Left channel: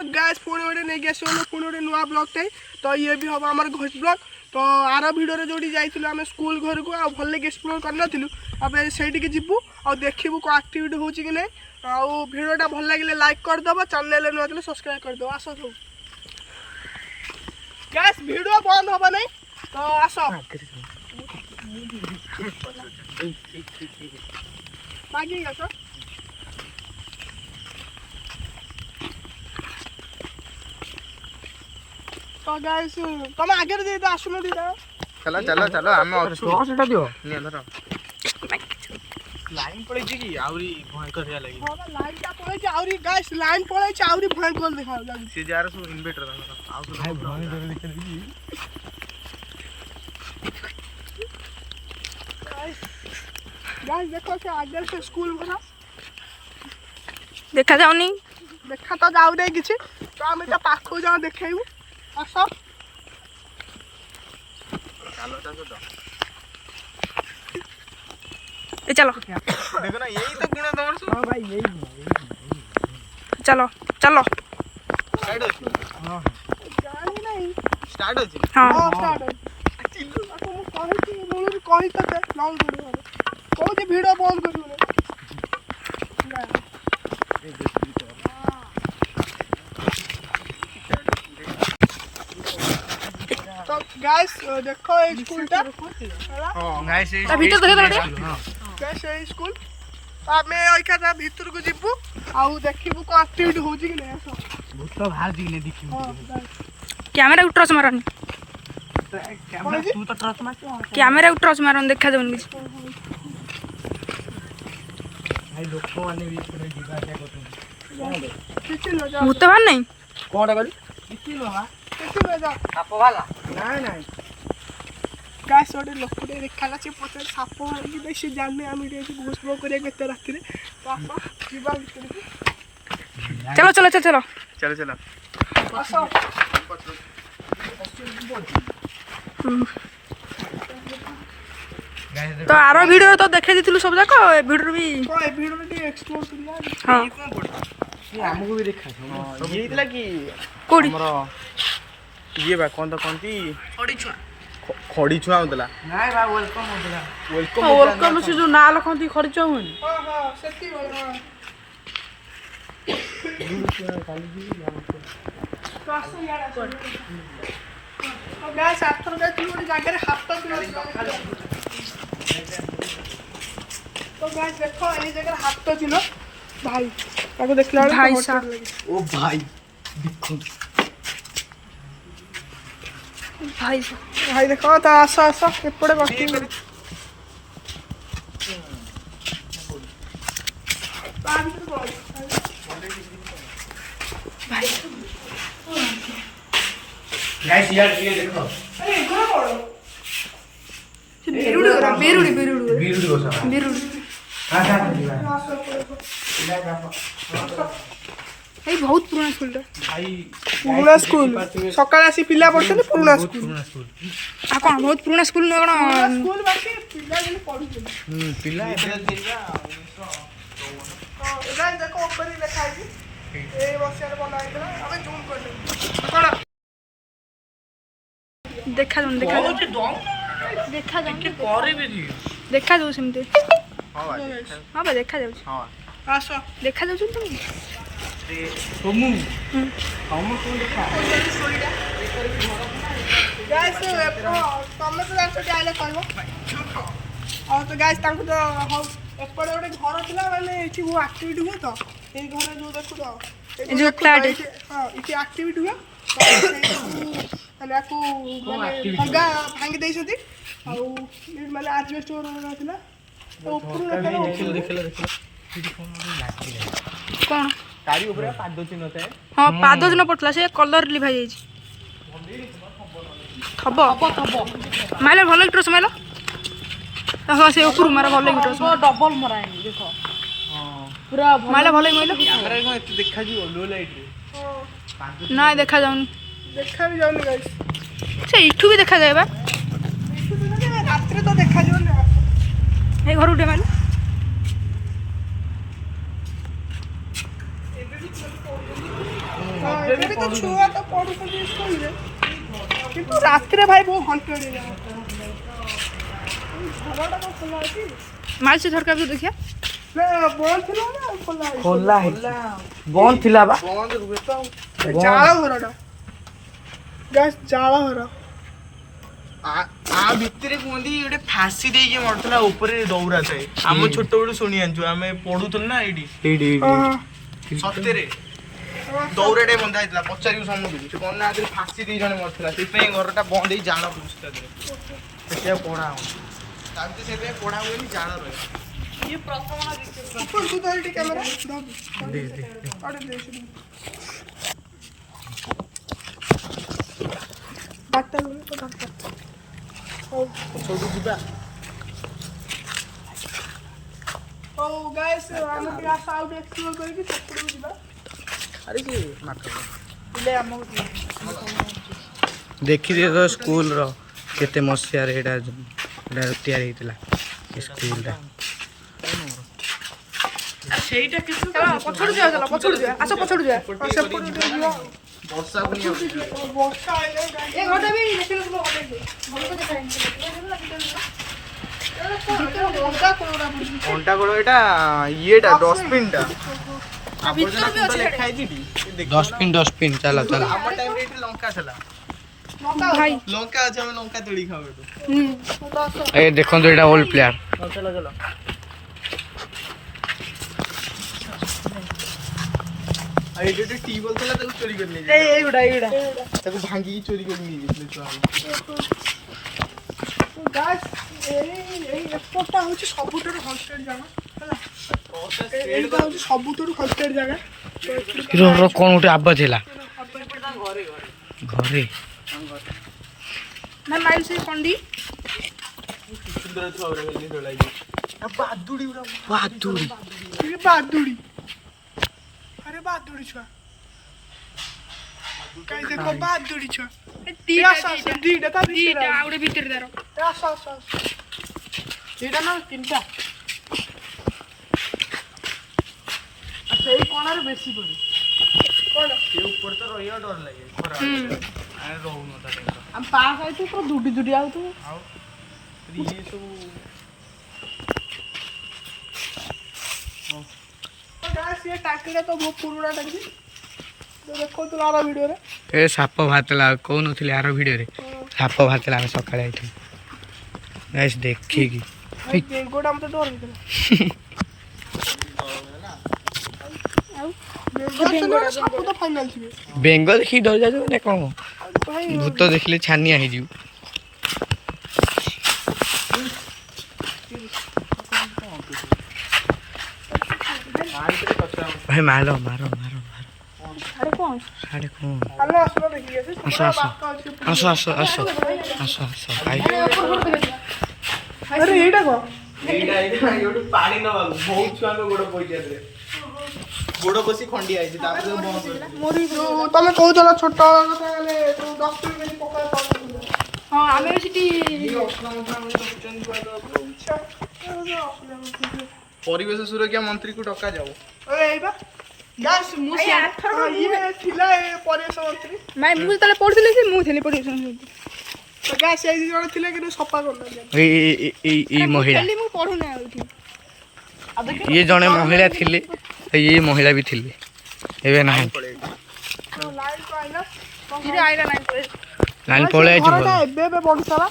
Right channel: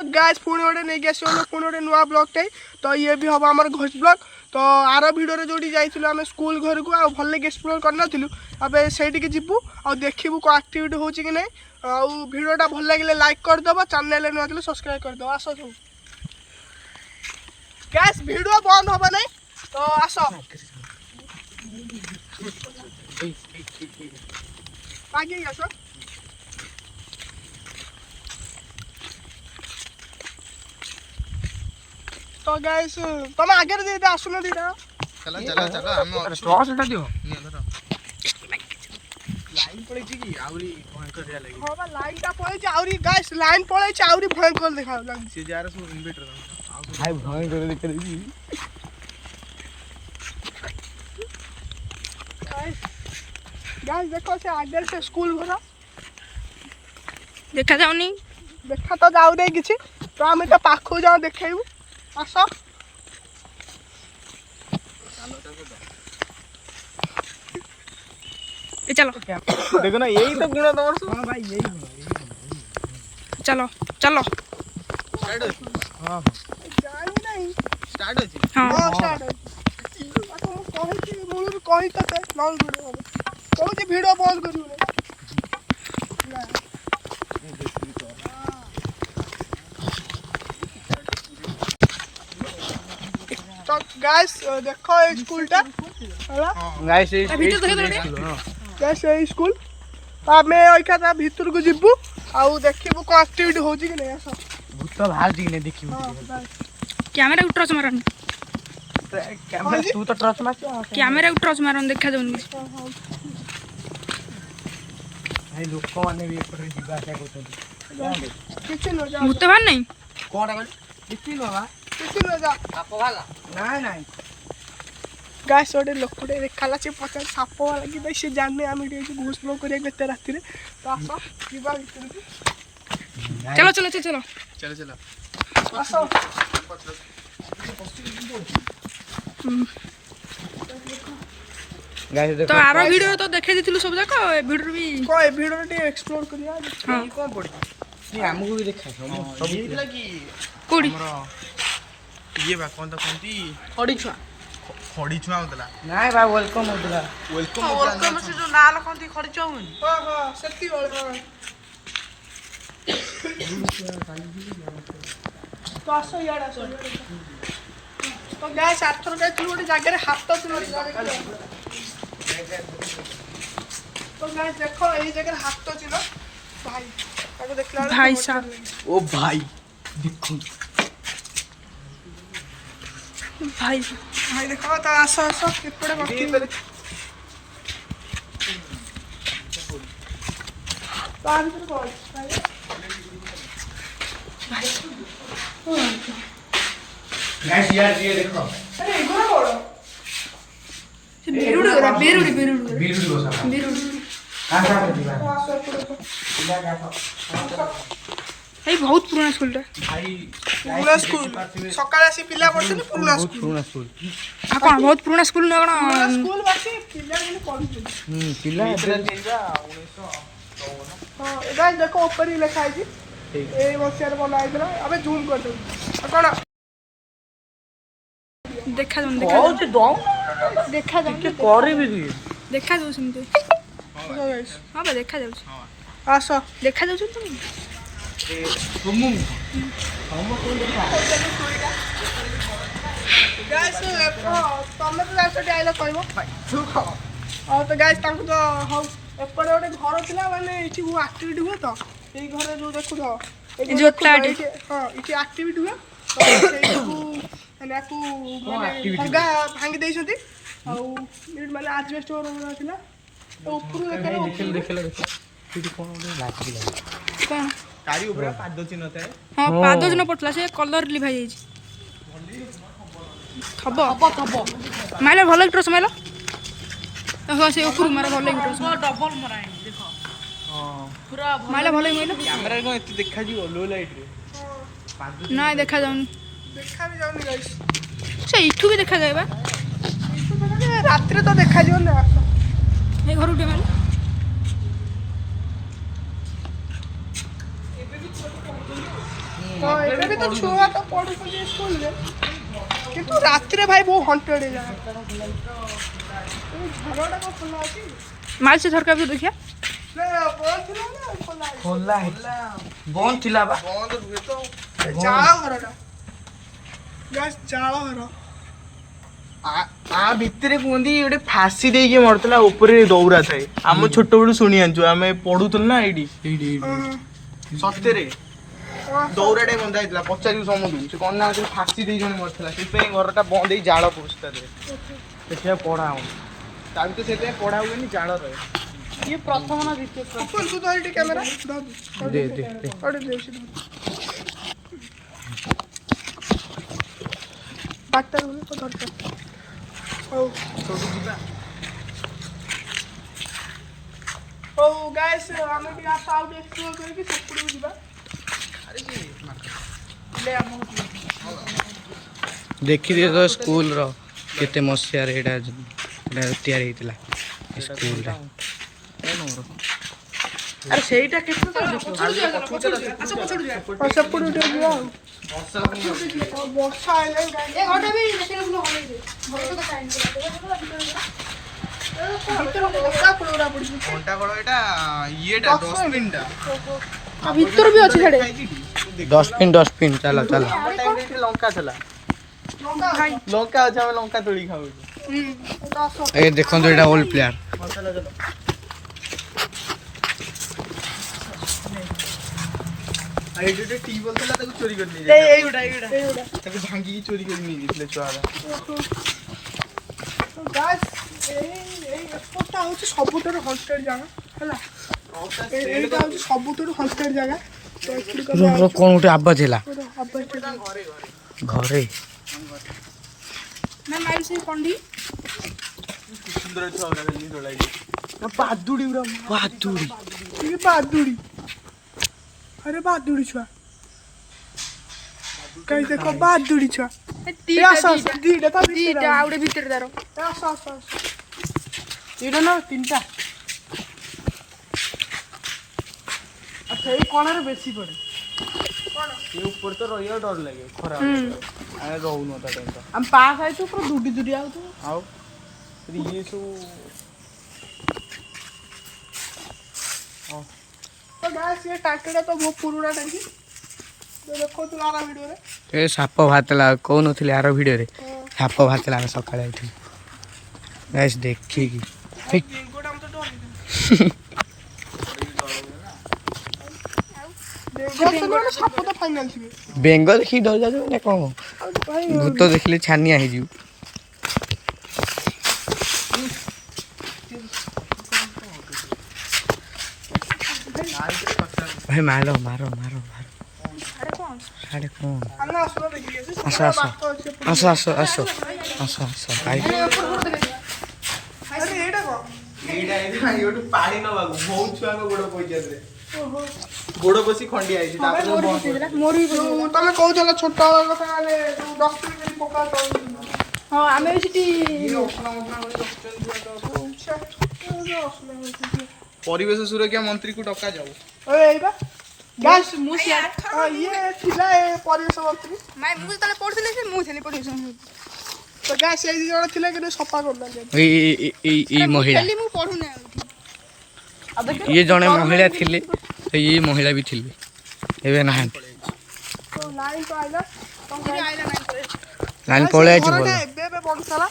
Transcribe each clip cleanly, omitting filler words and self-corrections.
गैस पुणी गोटे नहीं आस पुणी गोटे नुआ ब्लॉग टे तो ये भी हम आम घोष ब्लॉग तो आर भिडियो जो जाइलु आम स्कूल घर को भल एक्सप्लोर करनलु अब से जीवु आ देखू कौन आक्टिविटी हो कि नहीं आउ भिडियोटा भल लगे लाइक करदे चैनल नुआ थे सब्सक्राइब करदे आस सब गैस भिडियो बंद हम नहीं तो आस आगे आस तो गाइस तुम आगे दे आसुन दीटा चलो चलो चलो हम टॉस उठा दियो निया धर लाइन पड़े जी आउरी भयंकर रिया लगी हां बा लाइन का पड़े छी आउरी गाइस लाइन पड़े छी आउरी भयंकर देखा लागी से जार सु इन्वर्टर धर आउ भाई भाई कर देख रही गाइस देखो से आगे से स्कूल घर देखा जाउनी देखा तो जाउ रे किछि तो हम तो पाखु जाओ देखाइबू आस चलो तो ए चलो देखो ना यही तो गुण तमर सु हां भाई यही गुण चलो चलो स्टार्ट हो हां जाऊ नहीं स्टार्ट हो हाँ हां स्टार्ट ako ମୁଁ କହିଛି ବୋଲୁ କହି ତତେ ନଲ ଭିडिଓ କୋଉଠି ଭିडिଓ ବନ୍ଦ କରିବୁ ନା तो गाइस देखो ये स्कूलटा हैला गाइस ता भीतर देखे तो गाइस ये स्कूल हमें आइका ता भीतर को जिब्बू आउ देखिबू को एक्टिविटी होजी कि नहीं सब भूत बाहर जी ने देखी हां कैमरा को टॉर्च मारन कैमरा तू तो टॉर्च मार कैमरा को टॉर्च मारन देखा जाउनी भाई लोक माने भी पर जीवा क्या करतो किछि न जा भूत बाहर नहीं कोडे गली किछि न बा किछि न जा साप वाला नहीं नहीं गाइस ओडे लोकटे देखाला से पचार साप वाला कि भाई से जानने हम एटी घोषणा करे गते राती रे तो आसा जीवा भीतर को चलो चलो चलो चलो चलो चलो आसा गाइस तो आरो वीडियो तो देखे दिथिलु सब जाको ए वीडियो भी को ए भिडियो टे एक्सप्लोर करिया हां कौन पड़ी ये हमको भी देखा सब ये इतला कि कोडी हमरो ये बा कौन तो कौनती खड़ी छुआ खड़ी छुआ होतला नहीं भाई वेलकम हो गया वेलकम वेलकम से जो ना लखंती खड़ी छुआ हुन हां हां सत्ती वाला हां तो आसो यार आसो तो गाइस आथर गए तू गोटे जगह रे हाथ तो तो गाइस देखो এই জায়গার হাত তো ছিল ভাই তাকে দেখলা भाई साहब ओ भाई देखो भाई ভাই দেখো তো আসো আসো এপড়ে বসি তা ভিতরে বল ভাই गाइस यार ये देखो আরে এগুলো বড় बेरुड़ी ओरा बेरुड़ी बेरुड़ी वीडियो सब बेरुड़ी कहां से आप जीवा আসো इला का तो এই বহুত পুরনো স্কুলটা भाई পুরুনা স্কুল সকালে আসি পিলা পড়ছনি পুরুনা স্কুল पुराना स्कूल आ कोन बहुत पुरना स्कूल न कोन স্কুল বাকি পিলা গুলো পড়ছনি पिला हां এবার দেখো উপরে লেখা আছে এই মশিয়ার বলা আইছিল আবে জুম করে দেব কোন देखा जाउन देखा बहुत दो देखा जाउन के करे भी दियो देखा जाउ सिमते हां भाई हां बा देखा जाउ हां আসো देखा जाउ तुम तुम हम को देखा गाइस तमे तो जाइस डायलॉग कहबो और तो गाइस तांको तो हम एपरे गोटे घर थिला माने एठी वो एक्टिविटी हुए तो एई घरे जो देखु तो जो फ्लैट हां इठी एक्टिविटी हुए तो सेठू माने को माने भंगा भांगी देइछथि आ माने एडजस्ट हो रहा थिला तो ऊपर देखला देखले सीटी कोन लाग दिला कोन तारी ऊपर पाद चिन्ह थे हां पादो जन पटला से कलर लिभाई जाई थबो थबो माइला भलो गिटर समाइला हां से ऊपर मारा भलो गिटर समा डबल मराए देखो हां पूरा माइला भलो माइला कैमरा को एते देखा जी लो लाइट रे ना देखा जाउन देखा भी जाउनी गाइस से इठू भी देखा जाय बा रात रे तो देखा जो ना ए घर उठे माइला ହଁ ଏବେ ବି ତ ଛୁଆ ତ ପଢୁଛନ୍ତି ସ୍କୁଲରେ କିନ୍ତୁ ରାତିରେ ଭାଇ ବହୁତ ହଣ୍ଟେଡ୍ ହେଇଯାଏ ଝରଟା କ'ଣ ଖୋଲା ଅଛି ମାଲ ସେ ଝରକା ବି ଦେଖିଆ ନା ବନ୍ଦ ଥିଲା ନା ଖୋଲା ହେଇଛି ଖୋଲା ହେଇଛି ବନ୍ଦ ଥିଲା ବା ବନ୍ଦ ରୁହେ ତ ଚାଳ ଘରଟା ଗ୍ୟାସ୍ ଚାଳ ଘର ଆ ଭିତରେ କୁହନ୍ତି ଗୋଟେ ଫାସି ଦେଇକି ମରୁଥିଲା ଉପରେ ଦୌରା ଥାଏ ଆମ ଛୋଟ ବେଳୁ ଶୁଣି ଆଣିଛୁ ଆମେ ପଢୁଥିଲୁ ନା ଏଇଠି ସତରେ ଦୌରାଟେ ବନ୍ଧା ହେଇଥିଲା ପଚାରିବୁ ସମସ୍ତଙ୍କୁ ସେ କ'ଣ ନା ଫାସି ଦେଇ ଜଣେ ମରିଥିଲା ସେଥିପାଇଁ ଘରଟା ବନ୍ଦ ହେଇ ଜାଳ କରୁଛି ତା ଦେହରେ ସେଥିପାଇଁ ପଢା ହଉନି ତା ଭିତରେ ସେଥିପାଇଁ ପଢା ହୁଏନି ଜାଳ ରହେ ତୁ ତ ଏଇଠି କ୍ୟାମେରା ଡାକ୍ତର ହଉ ସେଇଠୁ ଯିବା ହଉ ଗାଇସ୍ ଆମେ ଟିକେ ଆସ ଆଉ ଟିକେ ଏକ୍ସପ୍ଲୋର କରିକି ସେପଟକୁ ଯିବା ଦେଖିଦିଅ ତ ସ୍କୁଲର କେତେ ମସିହାରେ ଏଇଟା ତିଆରି ହେଇଥିଲା ଏ ସ୍କୁଲଟା ଆରେ ସେଇଟା କେତେ ପଛରୁ ଯିବା ଚାଲ ପଛରୁ ଯିବା ଆସ ପଛରୁ ଯିବା ସେପଟକୁ ଟିକେ ଯିବା ବର୍ଷା ପୁଣି ବର୍ଷା ଆଇଲେ ଏ ଘରଟା ବି ଦେଖିନଥିଲ ଭଲ ଘଣ୍ଟା ଗୋଳ ଏଇଟା ଇଏଟା ଡଷ୍ଟବିନଟା ଭିତରୁ ବି ଅଛି ସେଠି ଡଷ୍ଟବିନ୍ ଚାଲ ଚାଲ ଆମ ଟାଇମରେ ଏଠି ଲଙ୍କା ଥିଲା ଭାଇ ଲଙ୍କା ଅଛି ଆମେ ଲଙ୍କା ତୋଳି ଖାଉ ଏଠୁ ଏ ଦେଖନ୍ତୁ ଏଇଟା ଓଲ୍ଡ ପ୍ଲେୟାର ଚାଲ ଚାଲ ଏଇଠି ଗୋଟେ ଟିବଲ ଥିଲା ତାକୁ ଚୋରି କରି ନେଇଯାଇଥିଲେ ଏଇଗୁଡ଼ା ତାକୁ ଭାଙ୍ଗିକି ଚୋରି କରି ନେଇଯାଇଥିଲେ ଛୁଆ ଗାଇସ୍ ଏଇ ଏପଟଟା ହେଉଛି ସବୁଠାରୁ ହଣ୍ଟେଡ୍ ଜାଗା ହେଲା ଏଇଟା ହେଉଛି ସବୁଠାରୁ ହଣ୍ଟେଡ୍ ଜାଗା ତ ଏଥିରୁ କ'ଣ ଗୋଟେ ଆବାଜ ହେଲା ଘରେ ନା ମାଇଲ ସେ କଣ୍ଡି ସୁନ୍ଦର ଛୁଆ ଗୁରା ଖାଲି ଦୋଳା ହେଇଛି ବାଦୁଡି ଗୁରା ବାଦୁଡ଼ି ବାଦୁଡ଼ି अरे बादुड़ी छुआ कहीं देखो बादुड़ी छुआ ଦିଟା ଆଉ ଗୋଟେ ଭିତରେ ତାର ଏଇଟା ନା ତିନିଟା ସେଇ କଣରେ ବେଶୀ ପଡେ ସେ ଉପରେ ତ ରହିବା ଡର ଲାଗେ ଖରା ଆମେ ରହୁନୁ ତା ଟାଇମ୍ ଆମେ ପାସ୍ ଆଇଛୁ ପୁରା ଦୁଡ଼ି ଦୁଡ଼ି ଆଉଥିବୁ ଆଉ ଇଏ ସବୁ ସିଏ ଟାଙ୍କିଟା ତ ବହୁତ ପୁରୁଣା ଟାଙ୍କି ଦେଖଉଥିଲୁ ଆର ଭିଡ଼ିଓରେ ଏ ସାପ ବାହାରିଥିଲା କହୁନଥିଲି ଆର ଭିଡ଼ିଓରେ ସାପ ବାହାରିଥିଲା ଆମେ ସକାଳେ ଆଇଥିଲୁ ଗାଇସ୍ ଦେଖିକି ବେଙ୍ଗଟା ମତେ ଡର ହେଇଥିଲା ସାପ ତ ଫାଇନାଲ ଥିବେ ବେଙ୍ଗ ଦେଖିକି ଡରି ଯାଉଛୁ ମାନେ କ'ଣ ଭୂତ ଦେଖିଲେ ଛାନିଆ ହେଇଯିବୁ ଭାଇ ମାର ମାର ମାର ମାର ଆରେ କ'ଣ ଆସ ଆସ ଆସ ଆସ ଆସ ଆସ ଆସ ଭାଇ ଆରେ ଏଇଟା କଣ ଏଇଟା ଏଇଠୁ ପାଣି ନବାକୁ ବହୁତ ଛୁଆଙ୍କ ଗୋଡ ପଇଯାଉଥିଲେ ଗୋଡ ପଶି ଖଣ୍ଡିଆ ହେଇଛି ତାପରେ ତମେ କହୁଥିଲ ଛୋଟ କଥା ହେଲେ ଯୋଉ ଡଷ୍ଟବିନ୍ ପକା ହଁ ଆମେ ବି ସେଠି ପରିବେଶ ସୁରକ୍ଷା ମନ୍ତ୍ରୀକୁ ଡକାଯାଉ ଏଇଟା ଗ୍ୟାସ୍ ମୁଁ ସିଆଡ଼େ ଇଏ ଥିଲା ପରିବେଶ ମନ୍ତ୍ରୀ ନାଇଁ ମୁଁ ଯେତେବେଳେ ପଢୁଥିଲି କି ମୁଁ ଥିଲି ପରିବେଶ ତ ଗ୍ୟାସ୍ ଏଇ ଦି ଜଣ ଥିଲା କିନ୍ତୁ ସଫା କରୁନାହାନ୍ତି ଏଇ ମହିଳା ମୁଁ ପଢୁନି ଆଉ ଏଠି ଇଏ ଜଣେ ମହିଳା ଥିଲେ ଇଏ ମହିଳା ବି ଥିଲେ ଏବେ ନାହାନ୍ତି ଲାଇନ୍ ପଳେଇ ଆଇଛି ଭଲ ଏବେ ବଢୁଥିଲା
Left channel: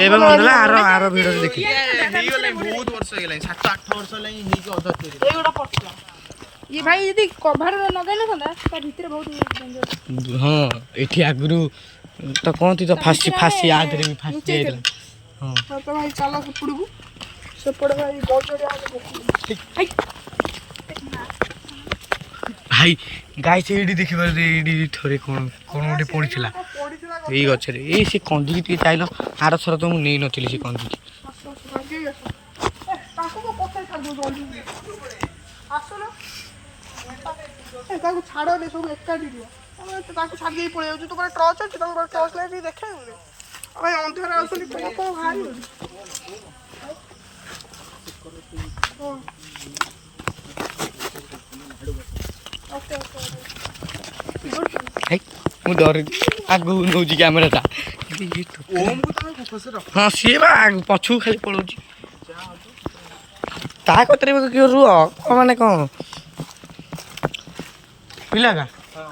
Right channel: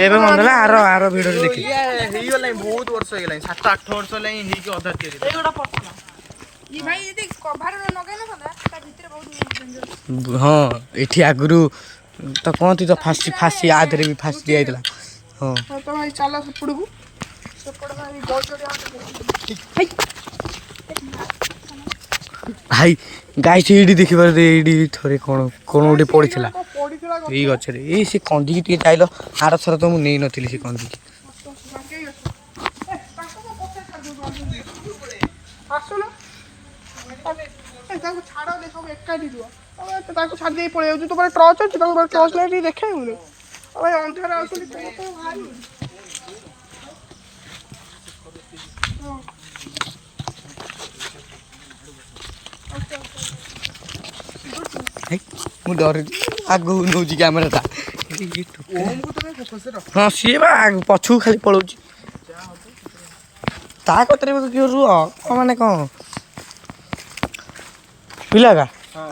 ଏବେ ମନ ହେଲା ଆର ଭିଡ଼ିଓରେ ଦେଖିଲି ହେଇଗଲାଣି ବହୁତ ବର୍ଷ ହେଇଗଲାଣି 7-8 ବର୍ଷ ହେଲାଣି ହେଇକି ଅଧା ତିଆରି ଇଏ ଭାଇ ଯଦି କଭାର ଲଗାଇ ନଥାନ୍ତା ତା ଭିତରେ ବହୁତ ଡେଞ୍ଜର ହଁ ଏଠି ଆଗରୁ ତ କହନ୍ତି ତ ଫାସି ଆ ଦେହରେ ବି ଫାସି ଦିଆଯାଇଥିଲା ହଁ ତ ଭାଇ ଚାଲ ସେପଟକୁ ସେପଟେ ଭାଇ ଗଜଡ଼ି ଭାଇ ଗାଈ ଏଇଠି ଦେଖିପାରୁ ଏଇଠି ଥରେ କ'ଣ ଗୋଟେ ପଡ଼ିଥିଲା ପଡ଼ିଥିଲା ଏଇ ଗଛରେ ଏଇ ସେ କନ୍ଦିକି ଟିକେ ଚାଇଲ ଆର ଥର ତ ମୁଁ ନେଇନଥିଲି ସେ କନ୍ଦିକି ଆସୁନ ତାଙ୍କୁ ଛାଡ଼ ଦେ ସବୁ ଏକାଠି ରୁହ ତାଙ୍କୁ ଛାଡ଼ି ଦେଇ ପଳେଇ ଯାଉଛୁ ତୋ ପାଖରେ ଟର୍ଚ୍ଚ ଅଛି ତାଙ୍କ ପାଖରେ ଟର୍ଚ୍ଚ ଲାଇଟ୍ ଟିକେ ଦେଖେଇବୁନି ଭାଇ ଅନ୍ଧାର ଆସୁଛନ୍ତି କ'ଣ କ'ଣ ବାହାରିବ ଭାଇ ମୁଁ ଡରୁଛି ଆଗକୁ ନେଉଛି କ୍ୟାମେରାଟା ଓମକୁ ତମେ ଫୋକସରେ ରଖ। ହଁ ସିଏ ବା ପଛକୁ ଖାଲି ପଳଉଛି ତା କତିରେ କିଏ ରୁହ କ'ଣ ମାନେ କ'ଣ ପିଲା କା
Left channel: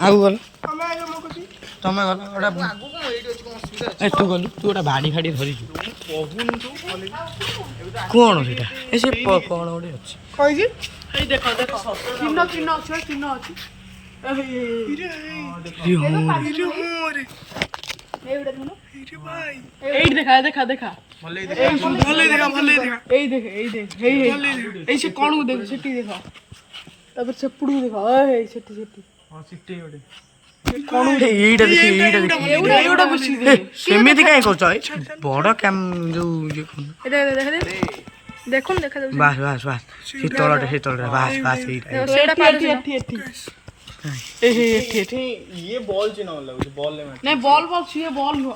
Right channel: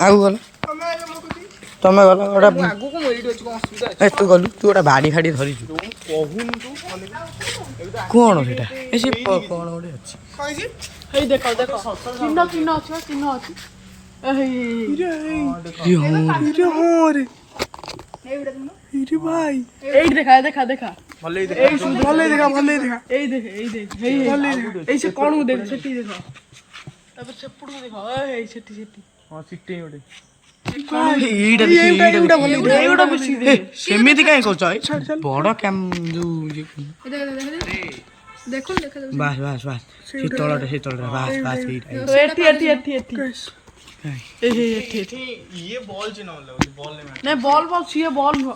ଆଗକୁ ଗଲ ଆମେ ଆଗ ମୁଁ କହୁଛି ତମେ ଗଲ ଗୋଟେ ଆଗକୁ ମୁଁ ଏଇଠି ଅଛି, କଣ ଅସୁବିଧା ଅଛି? ଏ ତୁ ଗଲୁ ତୁ ଗୋଟେ ବାଡ଼ି ଫାଡ଼ି ଧରିଛୁ କହୁନୁ କ'ଣ ସେଇଟା ଏ ସେ କ'ଣ ଗୋଟେ ଅଛି କହିଛି ଏଇ ଦେଖ ଦେଖ ଚିହ୍ନ ଚିହ୍ନ ଅଛି ନା ଚିହ୍ନ ଅଛି ଇରେ ହଁ ରେ ଏଇଟା ଦେଖୁନ ଇରେ ଭାଇ ଏଇଠି ଦେଖା ଦେଖା ଦେଖା ଭଲେଇ ଭଲ ଦେଖା ଏଇ ଦେଖ ଏଇ ଦେଖ ଏଇ ଏଇ ସେ କଣକୁ ଦେଖ ସେଠି ଦେଖ ତାପରେ ସେପଟକୁ ଦେଖ ଏଇ ସେଠି ସେଠି ହଁ ଚିଟି ଗୋଟେ ଏଇଟା ଦେଖି ଏଇଟା ଦେଖି ଏଇଗୁଡ଼ା ବେଶୀ ଏ, ସେମିତି କାହିଁ କରୁଛ ଏ ବଡ଼ କ୍ୟାମ୍ ଯୋଉ ଇଏ କରୁନ ଦେଖ ଦେଖ ଦେଖୁନ ଦେଖା ଯାଉଛି ବାସ୍ ବାସ୍ ବାସ୍ ସେ ତଳଟା ବାସ୍ ବାସ୍ ଏଇଟା ଏଠି ଏଠି ଏଠି ଏଠି ଏଇ ଏଠି ଏଠି ଇଏ ବଲ୍ ଚିହ୍ନ ଲାଗୁଛି, ବଲ୍ ନାଇଁ ବଲ୍ ବଲ୍ ସିଏ ବଲ୍ ନୁହଁ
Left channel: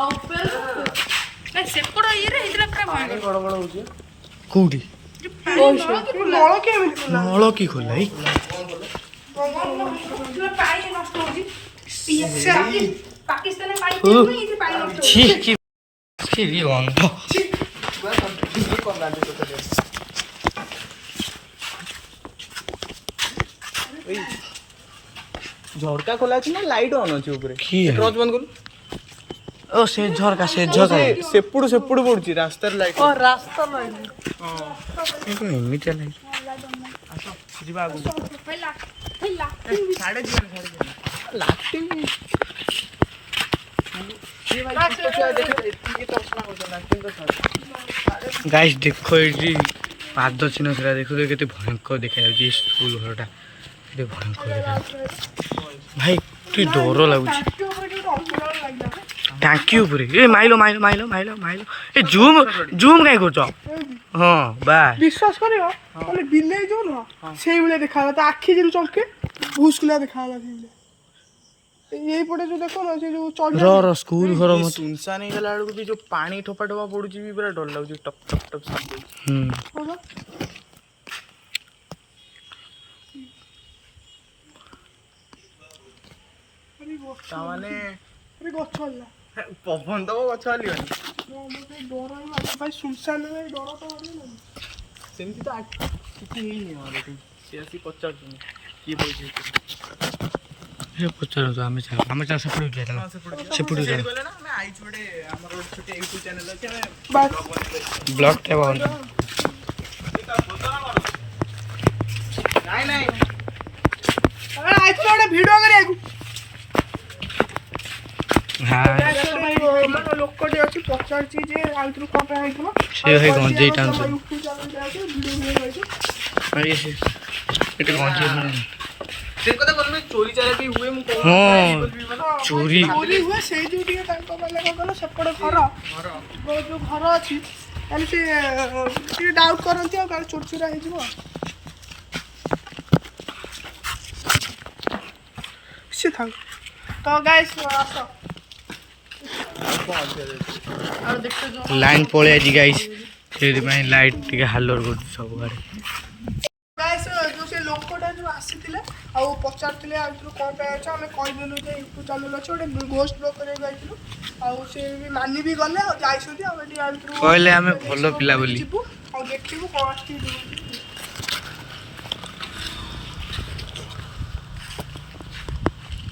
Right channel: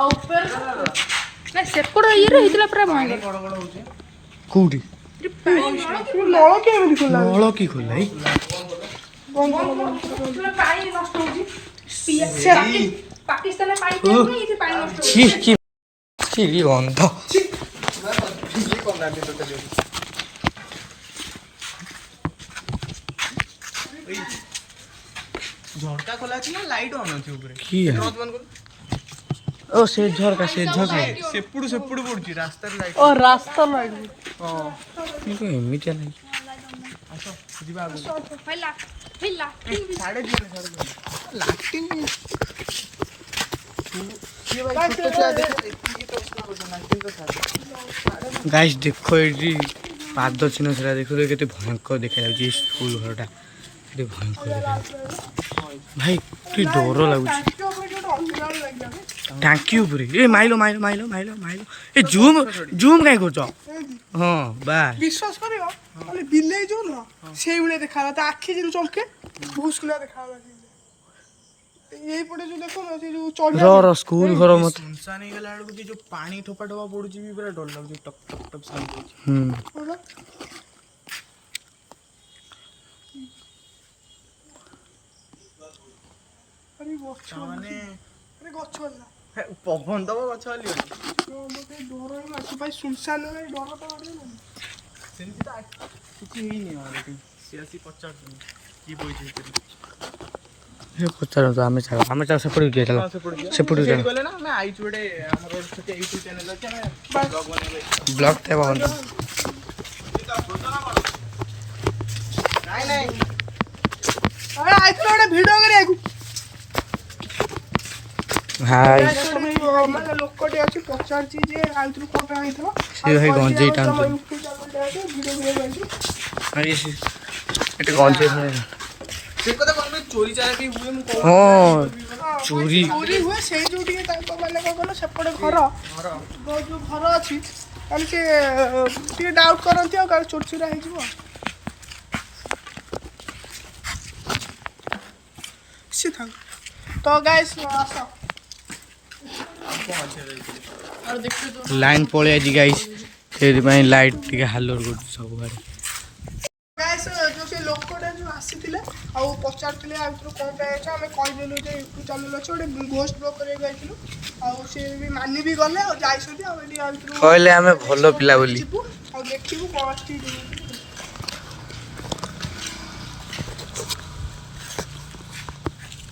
ଆଉ ଉପରେ ନାଇଁ ସେପଟ ଇଏରେ ହେଇଥିଲା ପୁରା ପାଣି ବଡ଼ ବଡ଼ ହଉଛି। କୋଉଠି ନଳ କେମିତି ଖୋଲା ନଳ କି ଖୋଲା ଏଇ ପାକିସ୍ତାନରେ ପାଣି ଓ, ଏଇଠି ପାଣି ନଷ୍ଟ ଛି କି ଗନ୍ଧ ଝରକା ଖୋଲା ଅଛି ନା ଲାଇଟ୍ ଅନ୍ ଅଛି ଉପରେ? କି ଟର୍ଚ୍ଚ ବନ୍ଦ କରୁ। ଓ ସେ ଝରକା ସେପଟୁ ପଡୁଛି ରାସ୍ତାର ଲାଇଟ୍। ଓ ରାସ୍ତା ଲାଇଟ୍ ହଁ ଏମିତିଆ ଲାଗେ ଆସ ଯିବା ଆଗକୁ। ହେଲା ହେଲା ସାଡେ ଯିବାନି ଲାଟିନ୍ ଛୋଟ ଛୁଆ ଦେଖେ ଏତିକି ତସଲା କରୁଛନ୍ତି ଲାଟିନ୍ ତ ଛାଡ। ଗାଇସ୍ ଦେଖ ଏଇଠି ପାଦ ଚିହ୍ନ ସେଟା ଦେଖ କେତେ ଭୟଙ୍କର ଦେଖାଯାଉଛି ଏ ସ୍କୁଲ ଘରଟା କେତେ ଭୟଙ୍କର ଦେଖାଯାଉଛି ଭାଇ ଟିକେ ଡର ଲାଗୁଛି ଟାଙ୍କି ଉପରେ ଏ ମାଇଲ ଏ ଜୁମ୍ କାହିଁ କରୁଛ ହଁ ବାସ୍ ବିଶ୍ୱାସ କରିବ ମାନେ ବିଲେଇ ଯୋଉ ନୁହଁ ସେଇଭଳିଆ ଦେଖାଗଲା ତା ଆଖି ଯେମିତି ଚମକେ ଭୁସ୍କିଲା ଦେଖାଗଲା ସେଇଭଳିଆ ଏଇପଟେ ଯୋଉ ଦେଖ ନା ସେ ଯୋଉ ଚଢି ର ସ୍କୁଲ ଘର ମତେ ସୁନସାନ ହେଇଗଲା ବେଳକୁ ବି ଯୋଉ ପାଣି ଠୋପା ପଡୁଛି ବି ପୁରା ଡର ଲାଗୁଛି, ଟପ୍ ଟପ୍ ଟପ୍ ସାଉଣ୍ଡ ହଉଛି। ତାମାନେ ଗଛ ହେଲା ପବନ ଦବ ଗଛ ହଲିବନି। ମତେ ଡର ହିଁ ମାରୁଛି ଭାଇ ସୁନସାନ ଡର ତ ମାରିବନି ସେମିତି ତ କିଛି ହେଇନି ଆମର ଏଠି। ସିଏ ଆସି ପଚାରୁଛନ୍ତି କିଏ ବଇଛି ଭିତରେ। ପଚାରନ୍ତୁ ଆମେ ଚାଲ ସେପଟେ ଯିବା ଚାଲ ସେପଟେ ଚାଲ ଗଲେ ନା ଆମେ ଆଇଛୁ ଗୋଟେ ଆମର ଗୋଟେ ଛୋଟ ୟୁଟ୍ୟୁବ ଚ୍ୟାନେଲ ଅଛି, ଆମେ ବ୍ଲଗ ବନେଇବେ। ବ୍ଲଗଟା ବନ୍ଦ ନାଇଁ ନାଇଁ ଆଇଥିଲା ଗୋଟେ ଭିଡ଼ିଓ କରିବାକୁ ହାଇ ମାନେ ଲୋକଟେ ଅଛି ପଚାରୁଛି ଯେ ଆଇଥିଲୁ କ'ଣ ପାଇଁ ଆଇଥିଲ ସେ ଭାଇ ଗଞ୍ଜେଇ ଟାଣୁଛନ୍ତି ଭିଡ଼ିଓ ଏଠି ଗଞ୍ଜେଇ ସେ କଥା କହିଲେ ଚୋରି ଚାଲାକି ହୁଏ, ମୁଁ କହୁଛି। ହଁ ଚୋରି ଚୋରି ହୁଏ ସେଇ ଯୋଉ ଟିକେ ତାଙ୍କ ମାନେ କ'ଣ କହିଲ ସେପଟେ ଘର ଯୋଉ ଘର ଅଛି ତାହେଲେ ସେ ଟିକେ ଡାଉଟ୍ କରନ୍ତି ଆଉ କାଳେ ଚୋରି ଚୋରା ହେଇଯିବ ସେ ଥାଉ ତ ଗାଇସ୍ ଆସ ଲାଇନ୍ ପଳେଇ ଆଜି ଗାଇସ୍ ସେଇଥିପାଇଁ ଲାଇଟ୍ ଟିକେ ହାଲୋର କରୁଛି ସବୁଆଡ଼େ ଗାଇସ୍ ଯୋଉ ସେ ଲୋକଟା ଯୋଉ ଆସିଥିଲେ ଆଉ ପଚାରୁଥିଲେ ଆଉ ଭିତରୁ କ'ଣ ପାଇଁ ଅଛ ଆମେ କହିଦେଲୁ ଯେ ୟୁଟ୍ୟୁବ୍ ଚ୍ୟାନେଲ୍ ଅଛି ଗୋଟେ ଘୋଷ୍ଟ ବ୍ଲଗ୍ କରିବାକୁ ଯାଇଥିଲୁ ଆଉ ସେ ବି ମାନି ବି ଗଲେ ଆଉ ଯାଇଛନ୍ତି ଆଉ ଏଠି ଆଉ ଭିତରୁ କହିଲେ ଆମେ ଭଲ ପିଲା ବୋଲି ଯିବୁ ଆଉ ଦେଖିବୁ କ'ଣ ଆସିଛି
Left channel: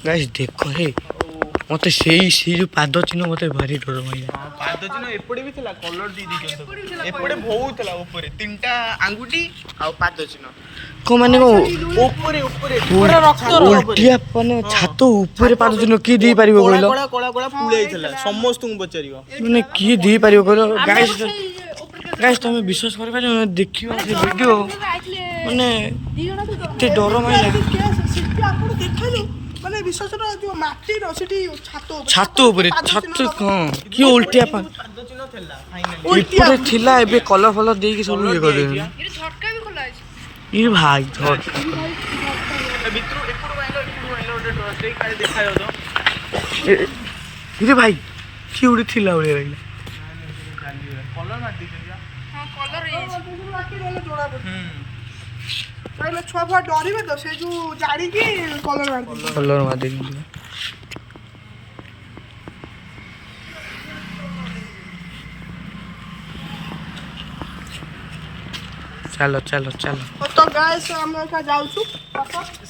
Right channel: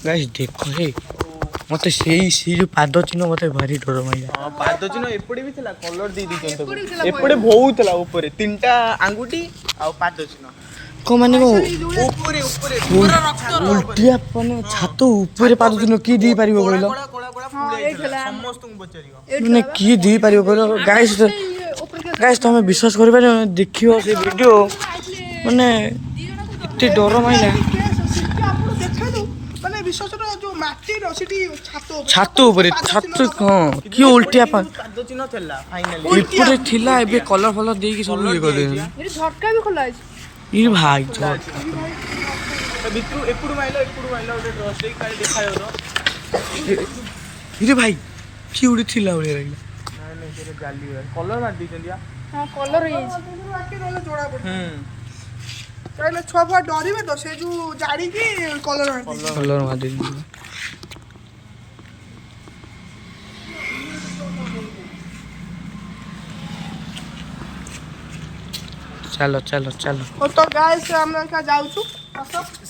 ଗାଇସ୍ ଦେଖ ହେ ମତେ ସେଇ ଯୋଉ ପାଦ ଚିହ୍ନ ମତେ ଭାରି ଡର ମାଇଲା ହଁ ପାଦ ଚିହ୍ନ ଏପଟେ ବି ଥିଲା, କଲର ଦେଇ ଦେଇଛନ୍ତି ସବୁ। ଏପଟେ ବହୁତ ଥିଲା ଉପରେ 3ଟା ଆଙ୍ଗୁଠି ଆଉ ପାଦ ଚିହ୍ନ କ'ଣ ମାନେ କ'ଣ ଉପରେ ଉଲ୍ଟିଆ ମାନେ ଛାତ ଉପରେ ପାଦ ଚିହ୍ନ କିଏ ଦେଇପାରିବ କହିଲ କଳା କଳା କଳା ପୁଳାଇଥିଲା, ସମସ୍ତଙ୍କୁ ପଚାରିବ। ମାନେ କିଏ ଦେଇପାରିବ କହିଲ ଗାଇସ୍ ତମେ ବିଶ୍ୱାସ କରିପାରିବ ଦେଖିବ ସେ ଭିଡ଼ିଓ ମାନେ ଏତେ ଡର ମାଇଲା ଆପଣ ଦେଖେନି ମାନେ ବିଶ୍ୱାସର ଯୋଉ ମାଟିର ସେଠି ଛାତ ଉପରେ ହଁ କିଏ ଉଲ୍ଟିଆ ପାଦ ଚିହ୍ନ ଥିଲା ଫାଇନାଲି। ଏପଟେ ଥିଲା ଏବେ କଲର ଫଲର ଦେଇକି ସବୁ ଇଏ କରିଦେବେ ଏଠି ଝଟକା ବି ଖୋଲା ଅଛି ଇଏ ଭାଇ ଝଟ ଭିତରୁ ଏପଟୁ ମାଇଲ ଗୋଟେ ଡ୍ରସ୍ ଦେଇ କାଳେ ଦେଖାଯାଉ ତ। ଇରେ ଭାଇ କିଏ ଗୋଟେ ଥିଲା ଭଳିଆ ଲାଗିଲା କଲର ମାରି ଦେଇଛନ୍ତି। ହଁ କଲର ହେଇଯାଇଛି ଜଣା ପଡୁଛି କାହିଁକିନା ଛୁଆ ଫୁଆ ଡରିବେ ତ ସେ ଯୋଉ ଜାଣିକି କଲର ମାରିଦେବି। କଲର ମାରିଦେବି। ଚାଲ ଚାଲ ଚାଲ। ତ ଗାଇସ୍ ଆମେ ଏକା ଯାଉଛୁ।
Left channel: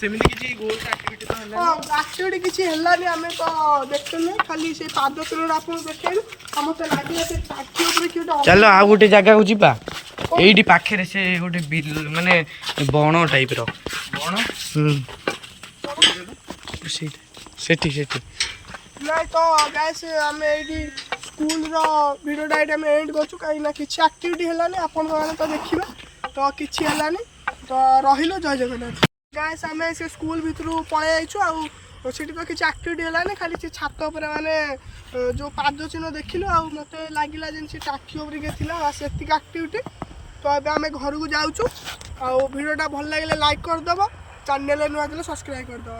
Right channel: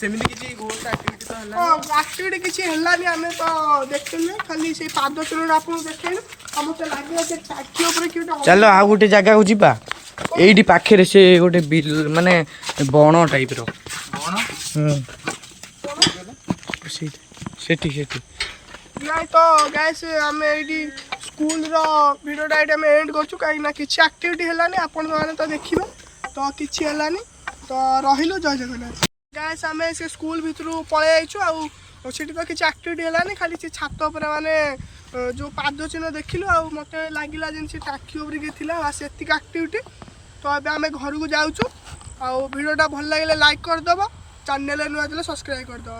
ସେମିତି କିଛି ଗୋଲ୍ ଆକ୍ଟିଭିଟି ତ ହେଲା। ହଁ ଆକ୍ଟିଭିଟି କିଛି ହେଲାନି ଆମେ ତ ଦେଖିଲେ ଖାଲି ସେଇ ପାଦ ଚିହ୍ନଟା ଆପଣଙ୍କୁ ଦେଖେଇଲୁ। ଆଉ ମତେ ଲାଗିଲା ସେ ଟାଙ୍କି ଉପରେ କିଏ ଗୋଟେ ଚାଲ ଆଉ ଗୋଟେ ଜାଗାକୁ ଯିବା। ଏଇଠି ପାଖରେ ସେ ଗୋଟେ ବିଲ ମାନେ ବଣ ଟାଇପର। କଣ? ସେଠି ସେଠି। ନାଇଁ ତ ଗାଇସ୍ ଆମେ ଏଇଠି ସ୍କୁଲର ଭିଡ଼ିଓଟା ଏଇଠି ଆମେ ଏଣ୍ଡ କରୁଛୁ କାହିଁକିନା କିଛି ଆକ୍ଟିଭିଟି ହେଲାନି ଆପଣମାନେ ତ ଦେଖିବେ ତ କିଛି ହେଲାନି ତ ରହିଲୁ ଜୟ ଜଗନ୍ନାଥ। ଗାଇସ୍ ଆମେ ସେ ସ୍କୁଲ ଭିତରୁ ପଳେଇ ଯାଇଛୁ ଆଉ ସେଠି ତ କିଛି ଆକ୍ଟିଭିଟି ହେଲାନି ଖାଲି ସେ ଛାତ ଉପରେ ମାନେ ଯେଉଁ ପାଦ ଚିହ୍ନ ଦେଖିଲୁ ଆଉ ମୋତେ ଲାଗିଲା ଯେମିତି ସେ ଟାଙ୍କି ଉପରେ କିଏ ଥିଲା ସେତିକି ଆକ୍ଟିଭିଟି। ତ ଏବେ ଆମେ ଘରକୁ ଯାଉଛୁ ଆଉ ଭିଡ଼ିଓଟା ଭଲ ଲାଗିଲେ ଲାଇକ୍ କରିଦେବ ଚ୍ୟାନେଲରେ ନୂଆ ଥିଲେ ସବସ୍କ୍ରାଇବ୍ କରିଦେବ।